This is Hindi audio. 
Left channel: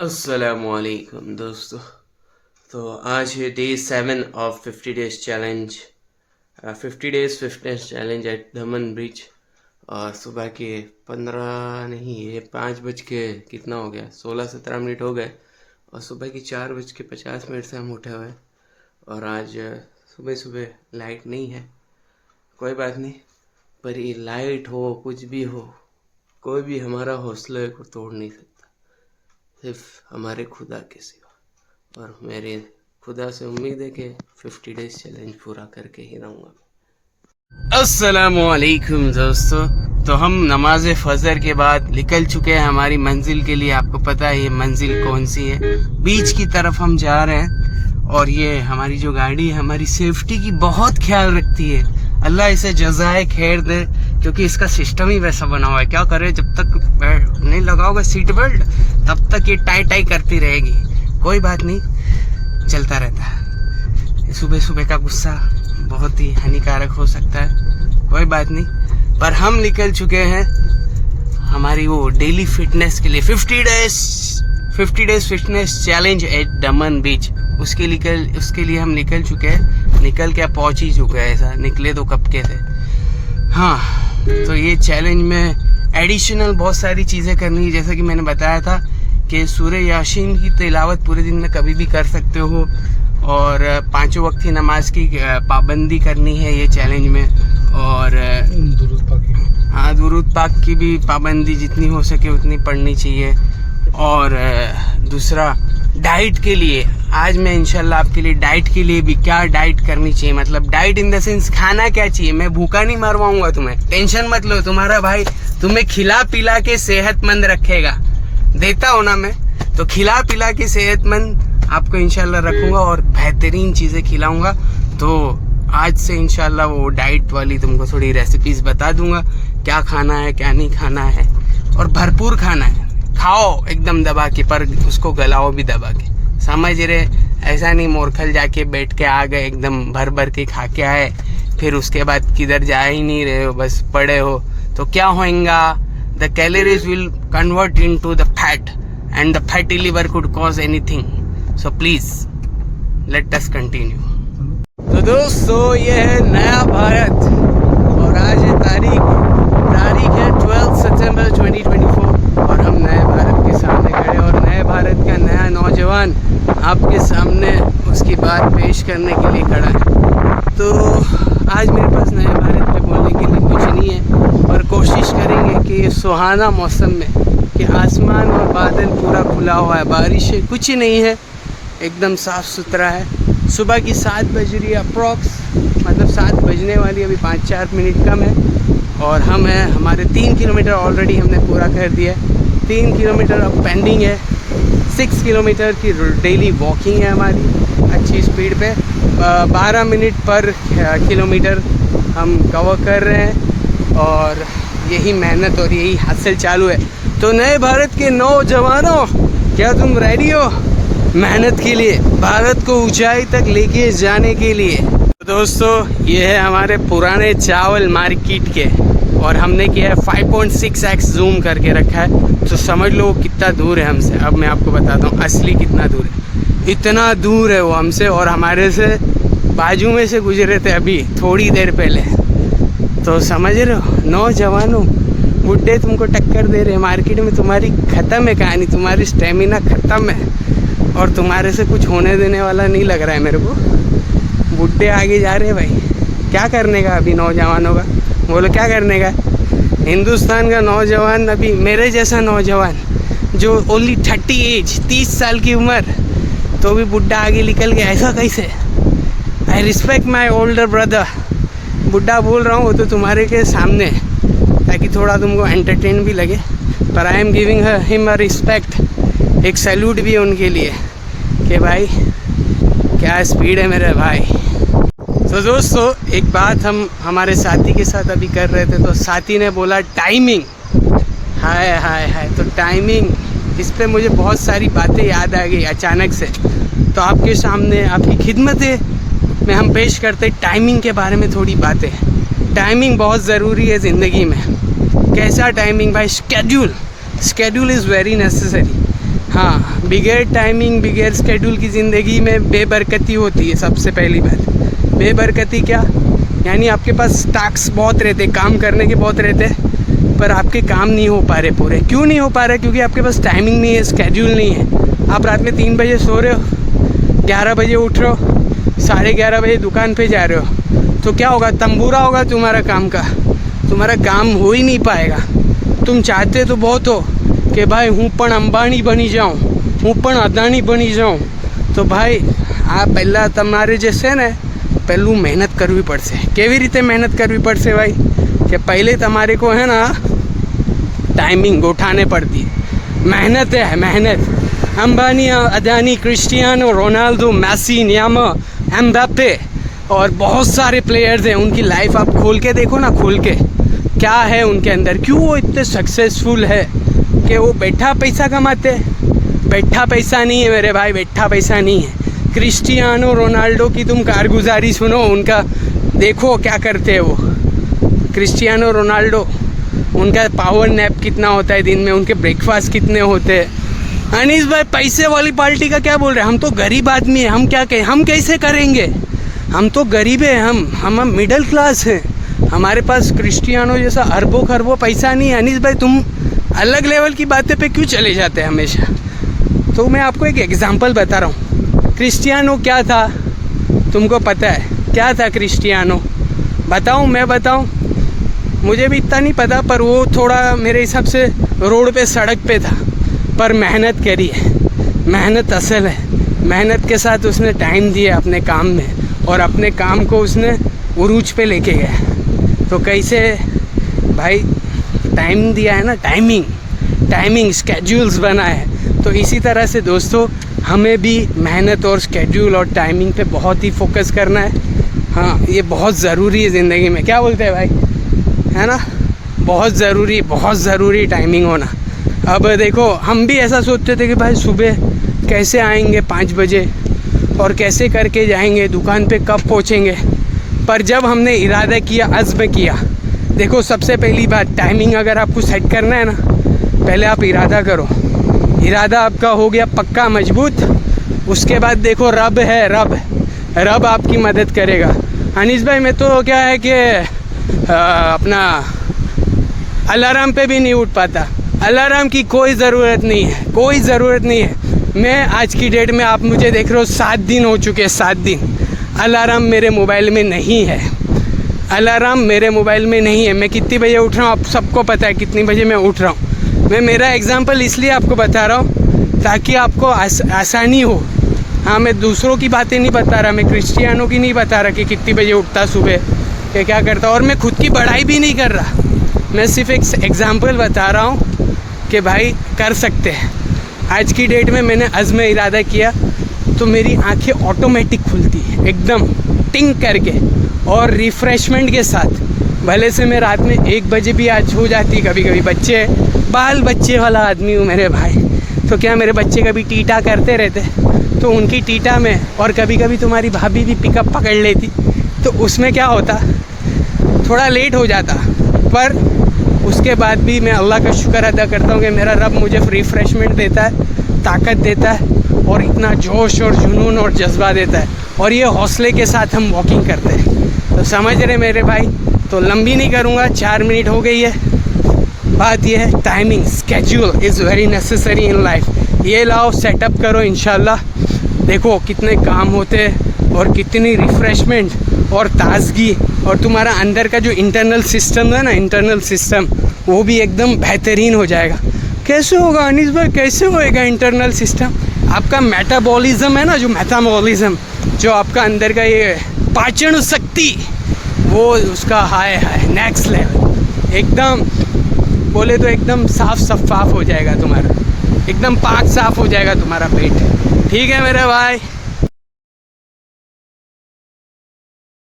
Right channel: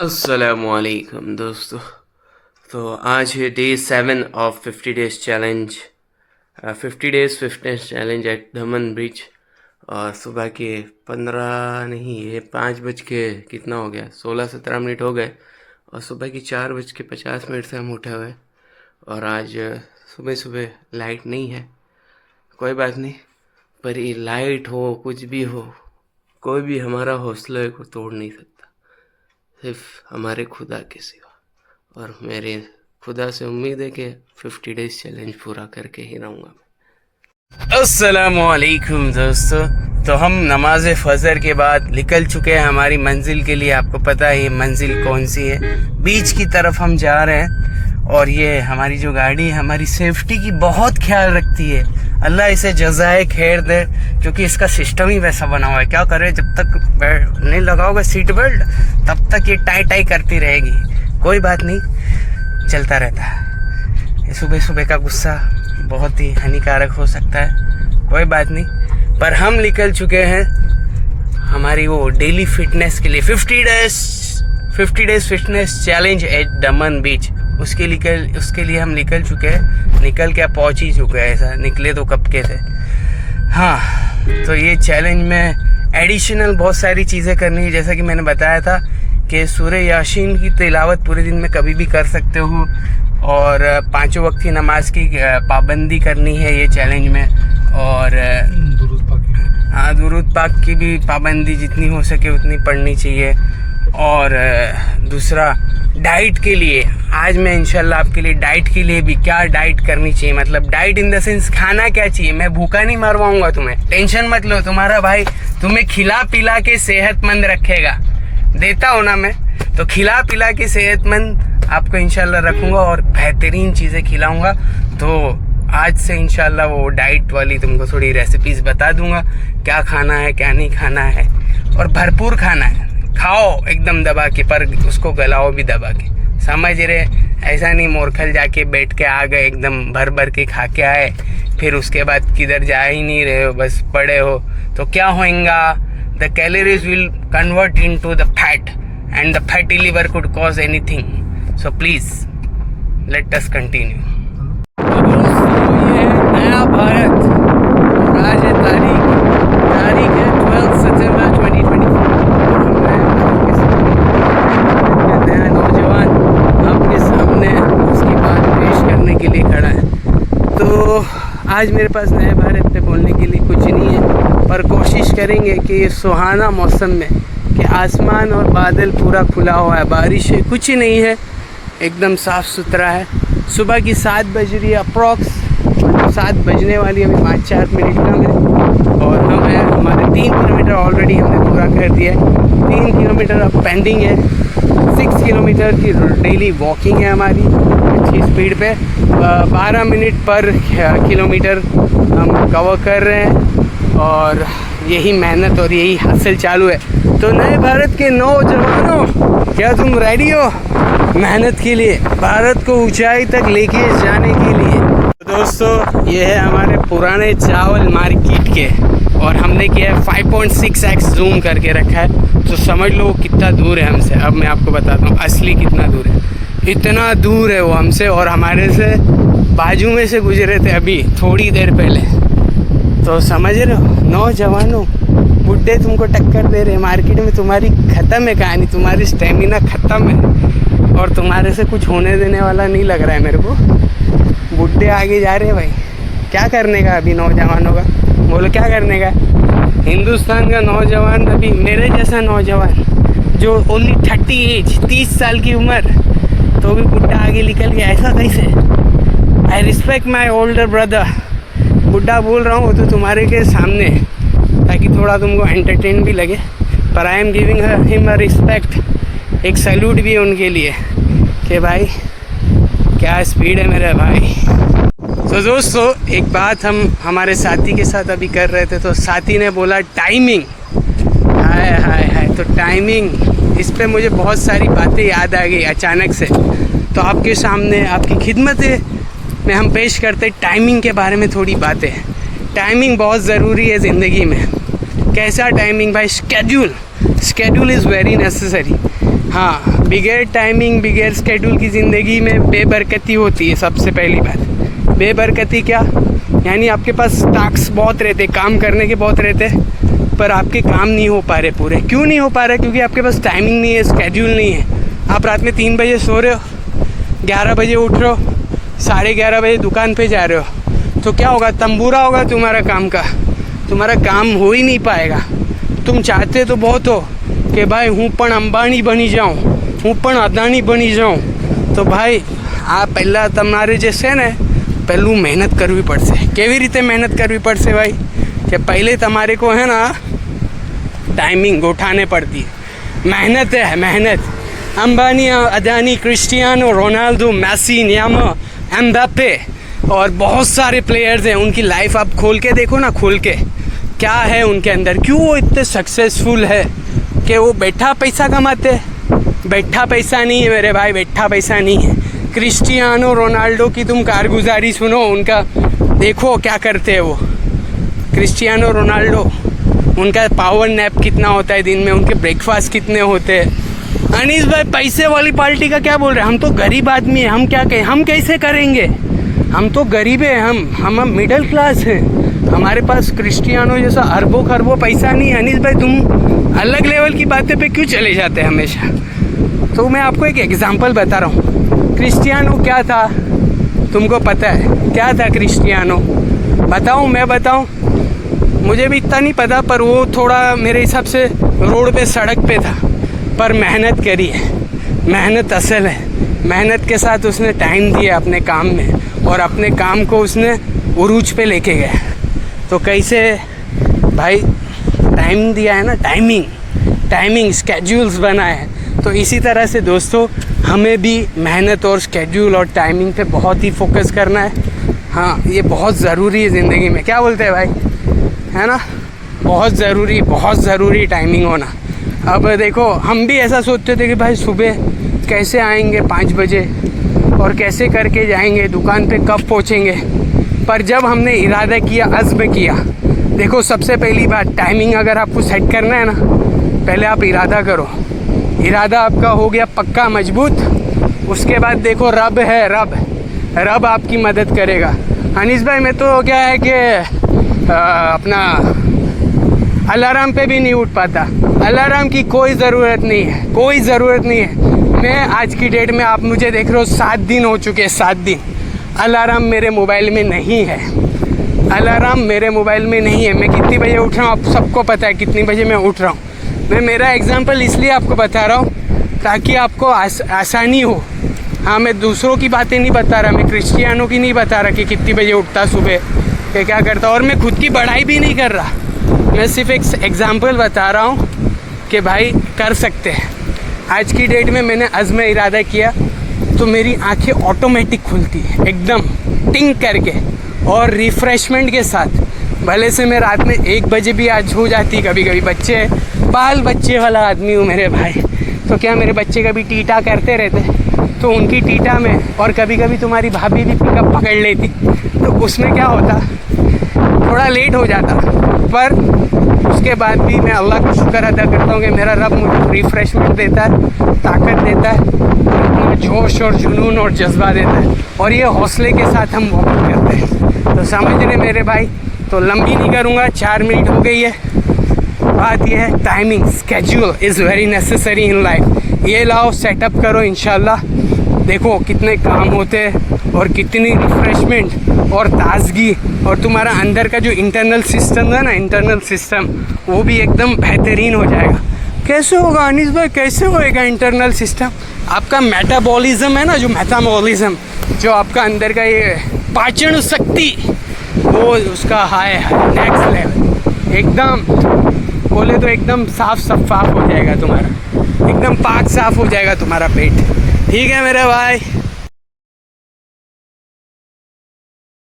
अस्सलामुअलैकुम दोस्तों। तो आज है day 7 of 50 days challenge, 50 days fitness challenge eight Daman bridge. और सुबह के 15 नहीं, ये 5 बज के कितना हो गया, 16-17 मिनट हो गए। और सुबह की 4:50 से हम उठे हुए। और आज सुबह सुबह लाइट नहीं है, कोई बात नहीं। पर ये लाइट हो कुछ भी हो, कोई भी हमारा हौसले को तोड़ नहीं सकता, सिर्फ हमारे खुदा के सिवा। और मेरे खुदा से उम्मीद है कि 50 डेज चैलेंज पूरा करके ही रहूँगा मैं। अस्सलामुअलैकुम दोस्तों। तो हम नमाज फजर के बाद निकल चुके हैं हमारी मंजिल के लिए। आपको पता है ये मंजिल कौन सी है, बीच की तरफ हम जा रहे हैं। और ये हमारी जो गाड़ी है हमारी सेफ्टी की बहुत ख्याल रखती है। अल्लाह इसे जज़ाए खैर दे, क्योंकि इसका सिस्टम ही वैसा बना हुआ है। क्या करे, जब तक नहीं लगाओगे सीट बेल्ट तब तक ये टाई टाई करती रहेगी। कोई बात नहीं, चलता रहता है। सुबह सुबह का गुस्सा बहुत ही हानिकारक हो सकता है, कोई बात नहीं। पर हम निकल चुके हैं हमारी वो डेली फिटनेस के लिए, 50 डेज फिटनेस चैलेंज एट दमन बीच। उसके लिए हम निकल चुके हैं। निकल के पहुंच ही चुके हैं, ऐसा निकले तो कब के थे। हाँ, तो ये चैलेंज में एडिशनल बहुत सारी चीज़ें करनी है। जैसा कि मैंने बताया था कि सूरह यासीन की तिलावत पूरे दिन में कभी भी कर सकते हो। और 5 वक्त की नमाज की पाबंदी करनी है ये चैलेंज में। और हाँ, दुरूद पाक की भी पाबंदी जितनी हो सके उतनी पढ़नी चाहिए। और दूसरा, डाइट के लिए आज मैं इंशाल्लाह आपके लिए डाइट के लिए भी क्या डाइट करनी चाहिए, मतलब डाइट इन द सेंस खाना क्या चाहिए। मैं भूखा नहीं मरवाऊंगा तुम्हें, टेंशन मत लो। तुम्हारा भाई तुम्हें खिला पिला के सेहतमंद रखेगा, देता हो ना मैं, तो खिला पिला के सेहतमंद आपको इंशाल्लाह रखूंगा और बेहतरीन चीज़ें खिलाऊंगा। तो आज से इंशाल्लाह वो डाइट वाली तुमको थोड़ी रेसिपीज़ बता दूंगा, क्या खाना है क्या नहीं खाना है। और भरपूर खाना है, खाओ एकदम दबा के, पर उसको गलाओ भी दबा के, समझ रहे। ऐसा नहीं मोरखल जाके बैठ के आ गए एकदम भर भर के खा के आए, फिर उसके बाद किधर जा ही नहीं रहे हो, बस पड़े हो, तो क्या होएगा। The calories will convert into the fat and the fatty liver could cause anything. So please let us continue. तो दोस्तों, ये है नया भारत और आज है तारीख है 12 सितंबर 2024। और हम नए भारत के सामने खड़े हैं। नए भारत का नया नौजवान आपके सामने उसकी बात पेश करने के लिए खड़ा है। तो आज मेरे पास नए भारत पे बोलने के लिए कुछ नहीं है, पर कोशिश करेंगे कि ये सुहाना मौसम में कि आसमान और बादल पूरा खुला हुआ है, बारिश है कुछ नहीं है, एकदम साफ़ सुथरा है। सुबह की 7 बज रही है अप्रॉक्स, मतलब 7 बजने वाली, अभी 5-4 मिनट कम है। और हम हैं, हमारे 3 किलोमीटर ऑलरेडी हमने पूरा कर दिया है, 3 किलोमीटर अब पेंडिंग है। 6 किलोमीटर की डेली वॉकिंग है हमारी अच्छी स्पीड पे, 12 मिनट पर किलोमीटर हम कवर कर रहे हैं। और यही मेहनत और यही हासिल चालू है। तो नए भारत के नौजवानों, क्या तुम रेडी हो मेहनत के लिए, भारत को ऊंचाई तक लेके जाने के लिए? तो दोस्तों, ये है हमारे पुराने चावल मार्केट के, और हमने किया है 5.6x जूम करके रखा है, तो समझ लो कितना दूर है हमसे। अब मैं आपको बताता हूँ असली कितना दूर है। इतना दूर है वो हमसे, और हमारे से बाजू में से गुजरे थे अभी थोड़ी देर पहले। तो समझ रहे हो नौजवानों, बुड्ढे तुमको टक्कर दे रहे हैं मार्केट में, तुम्हारी ख़त्म है कहानी, तुम्हारी स्टेमिना ख़त्म है और तुम्हारे से कुछ होने देने वाला नहीं लग रहा है मेरे को। बुड्ढे आगे जा रहे हैं भाई, क्या करने का अभी नौजवानों का, बोलो क्या करने का। हिंदुस्तान का नौजवान, अभी मेरे जैसा नौजवान जो ओनली 30 एज, 30 साल की उम्र, तो भी बुड्ढा आगे निकल गया, ऐसा कैसे। I respect my older brother. बुड्ढा बोल रहा हूँ वो तो तुम्हारे के सामने, ताकि थोड़ा तुमको एंटरटेन भी लगे, पर I am giving him a respect. एक सैल्यूट भी है उनके लिए कि भाई क्या स्पीड है मेरे भाई। तो दोस्तों, एक बात हम हमारे साथी के साथ अभी कर रहे थे, तो साथी ने बोला टाइमिंग, हाय हाय हाय। तो टाइमिंग, इस पे मुझे बहुत सारी बातें याद आ गई अचानक से। तो आपके सामने आपकी खिदमत में हम पेश करते टाइमिंग के बारे में थोड़ी बातें। टाइमिंग बहुत ज़रूरी है ज़िंदगी में। कैसा टाइमिंग भाई? Schedule is very necessary. हाँ, बिगैर टाइमिंग बिगैर स्केड्यूल की ज़िंदगी में बेबरकती होती है। सबसे पहली बात बेबरकती क्या, यानी आपके पास टास्क बहुत रहते, काम करने के बहुत रहते, पर आपके काम नहीं हो पा रहे पूरे। क्यों नहीं हो पा रहे? क्योंकि आपके पास टाइमिंग नहीं है, स्केड्यूल नहीं है। आप रात में 3 बजे सो रहे हो, 11 बजे उठ रहे हो, 11:30 बजे दुकान पे जा रहे हो, तो क्या होगा? तंबूरा होगा तुम्हारा काम का, तुम्हारा काम हो ही नहीं पाएगा। तुम चाहते तो बहुत हो कि भाई હું પણ અંબાણી બની જાઉં, હું પણ અદાણી બની જાઉં, તો ભાઈ આ પહેલાં તમારે જે છે ને પહેલું મહેનત કરવી પડશે। કેવી રીતે મહેનત કરવી પડશે ભાઈ? કે पहले તમારે को है ना टाइमिंग उठाने पड़ती है। मेहनत है मेहनत। Ambani, Adani, Cristiano Ronaldo, Messi, Neymar, Mbappe और बहुत सारे प्लेयर्स हैं। उनकी लाइफ आप खोल के देखो ना, खोल के क्या है उनके अंदर, क्यों वो इतने सक्सेसफुल है कि वो बैठा पैसा कमाते। बैठा पैसा नहीं है मेरे भाई, बैठा पैसा नहीं है। क्रिस्टियानो रोनाल्डो की तुम कारगुजारी सुनो, उनका देखो क्या करते हैं वो। क्रिस्टियानो रोनाल्डो, उनका पावर नैप कितना होता है दिन में, उनके ब्रेकफास्ट कितने होते हैं। अनीस भाई पैसे वाली पार्टी का क्या बोल रहे हैं? हम तो गरीब आदमी हैं, हम क्या कहें? हम कैसे करेंगे? हम तो गरीब हैं, हम मिडिल क्लास हैं। हमारे पास क्रिस्टियानो जैसा अरबों खरबों पैसा नहीं है। अनीस भाई तुम अलग लेवल की बातें पे क्यों चले जाते हैं हमेशा? तो मैं आपको एक एग्जांपल बता रहा हूँ। क्रिस्टियानो क्या था तुमको पता है? क्या था क्रिस्टियानो? बताऊँ? मैं बताऊँ? मुझे भी इतना नहीं पता, पर वो थोड़ा मेरे हिसाब से रोड पे सड़क पे था, पर मेहनत करी है। मेहनत असल है। मेहनत के साथ उसने टाइम दिया अपने काम में, और अपने काम को उसने उरूज पे लेके गया। तो कैसे भाई? टाइम दिया है ना, टाइमिंग स्केड्यूल्स बनाए हैं। तो इसी तरह से दोस्तों हमें भी मेहनत और स्केड्यूल और टाइमिंग पे बहुत ही फोकस करना है। हाँ, ये बहुत ज़रूरी है ज़िंदगी में। क्या बोलते हैं भाई? है ना, बहुत ज़रूरी टाइमिंग होना। अब देखो, हम भी ऐसा सोचते थे कि भाई सुबह कैसे आएंगे 5 बजे और कैसे करके जाएंगे दुकान पे, कब पहुँचेंगे। पर जब हमने इरादा किया, अज़्म किया, देखो सबसे पहली बात, टाइमिंग अगर आपको सेट करना है ना, पहले आप इरादा करो। इरादा आपका हो गया पक्का मजबूत, उसके बाद देखो रब है, रब आपकी मदद करेगा। अनीस भाई मैं तो क्या है कि अपना अलार्म पे भी नहीं उठ पाता। अलार्म की कोई ज़रूरत नहीं है, मैं आज की डेट में, आप मुझे देख रहे हो 7 दिन हो चुके हैं, 7 दिन अलार्म मेरे मोबाइल में नहीं है। मैं कितनी बजे उठ रहा हूँ आप सबको पता है, कितनी बजे मैं उठ रहा हूँ। मैं मेरा एग्जांपल इसलिए आपको बता रहा हूँ ताकि आपको आसानी हो। हाँ, मैं दूसरों की बातें नहीं बता रहा, मैं क्रिस्टियानो की नहीं बता रहा कि कितनी बजे उठता सुबह या क्या करता, और मैं खुद की बड़ाई भी नहीं कर रहा। मैं सिर्फ एक एग्जांपल बता रहा हूँ कि भाई कर सकते हैं। आज की डेट में मैंने अज़्म इरादा किया तो मेरी आंखें ऑटोमेटिक खुलती है एकदम टिंग करके और रिफ़्रेशमेंट के साथ। भले से मैं रात में 1 बजे भी आज हो जाती, कभी कभी बच्चे बाल बच्चे वाला आदमी हूँ मेरे भाई, तो क्या मेरे बच्चे कभी टीटा करते रहते, तो उनकी टीटा में, और कभी कभी तुम्हारी भाभी भी पिकअप पकड़ लेती, तो उसमें क्या होता, थोड़ा लेट हो जाता। पर उसके बाद भी मैं अल्लाह का शुक्र अदा करता हूँ कि मेरा रब मुझे रिफ़्रेशमेंट देता है, ताकत देता है, और इतना जोश और जुनून और जज्बा देता है, और ये हौसले के साथ हम वॉकिंग करते हैं। तो समझ रहे मेरे भाई? तो लंबी नहीं करूँगा, 4 मिनट हो गई है। बात ये है, timing schedule is very necessary in life. ये लाओ, सेटअप करो, इंशाल्लाह देखो कितने काम होते हैं और कितनी रिफ़्रेशमेंट और ताजगी, और तुम्हारा अंदर का जो इंटरनल सिस्टम है ना, इंटरनल सिस्टम, वो भी एकदम बेहतरीन हो जाएगा। कैसे होगा अनीस भाई? कैसे होएगा इंटरनल सिस्टम? आपका मेटाबॉलिज्म है ना, जो मेटाबॉलिज्म, जो आपका अंदर का ये पाचन शक्ति, वो उसका हाई नेक्स्ट लेवल, एकदम बोले तो एकदम साफ शफाफ हो जाएगा तुम्हारा, एकदम पाक साफ हो जाएगा तुम्हारा पेट। ठीक है मेरे भाई।